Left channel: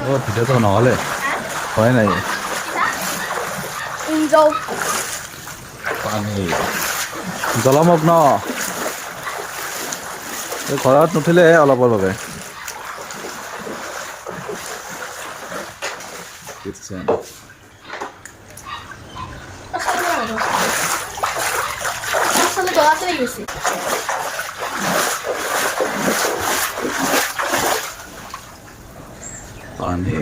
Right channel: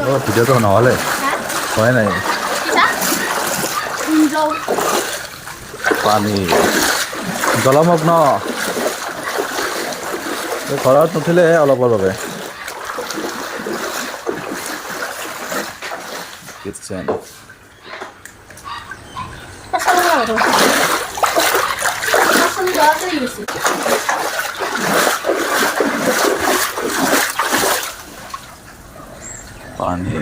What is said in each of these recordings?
ও ভিডিওটো নহ'লে হয় নাই পানী জলমগ্ন ঘৰত নুঠিলে অলপৰ বাবে কিটচেন পানী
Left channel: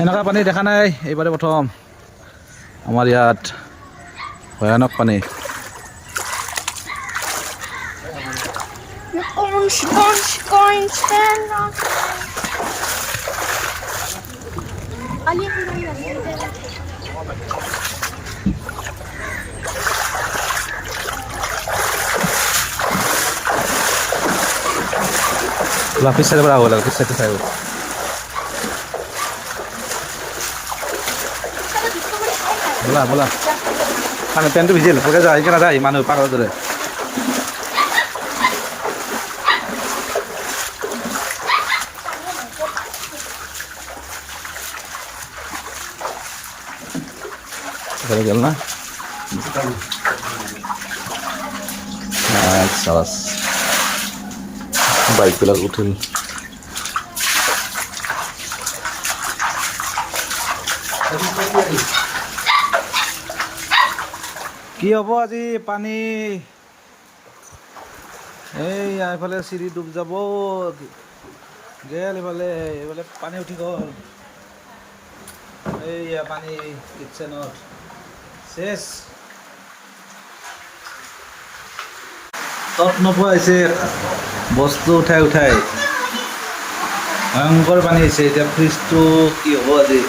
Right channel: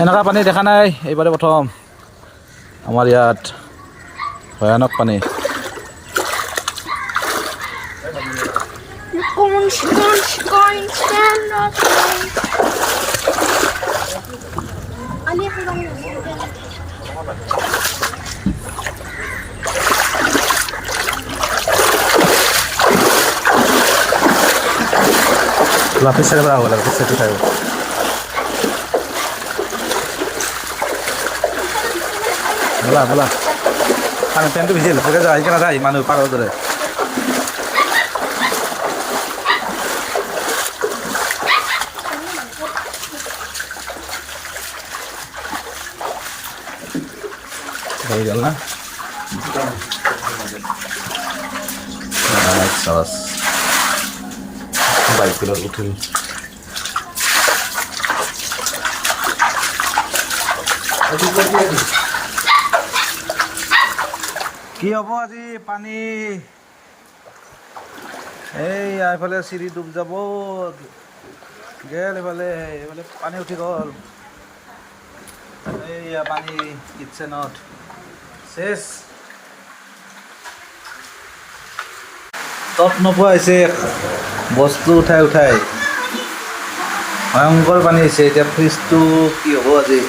এনেকুৱা পানী দেখা নাই এইবাৰে প্ৰথম আমাৰ ইয়াত ভয়ানক পানী lapis saya berapa lah lapis satu saya bola kan pentu bijil pakai aja ikan ada mana pakai dulu kalau jalan nah salas baik bila utul কি হ'ব আজি পানী এই এইফালে চিৰি ডুব যাব গেল এইফালে পানী উঠি গ'ল এইয়া পানী কিটচেনত শেষ তত নোপোৱা হৈছে বস্তু উঠাই ভয়ংকৰ পানী হৈছে এতিয়া ফ্ৰিজটো কি হ'ব আজি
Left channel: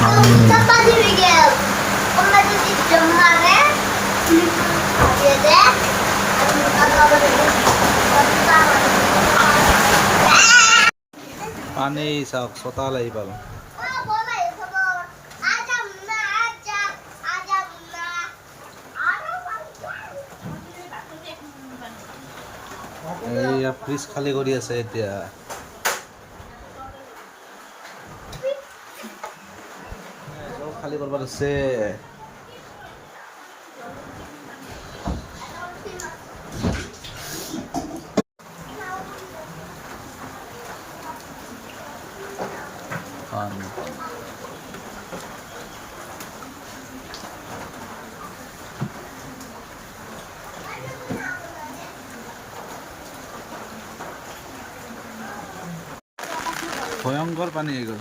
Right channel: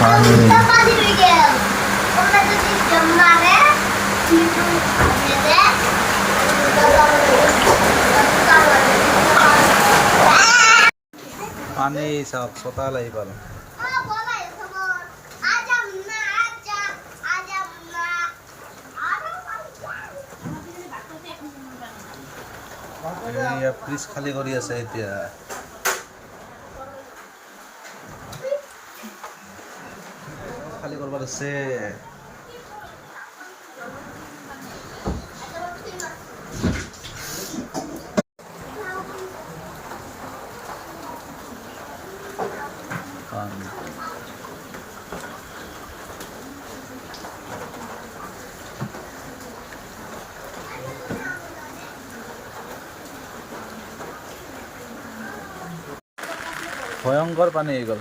পানী পানী চাওক চতাল আহি পাল এইয়া ফ্ৰিজ খালী কৰি আছে এতিয়া খালী কৰিব আছে ভয়ংকৰ পানী হৈ গ'ল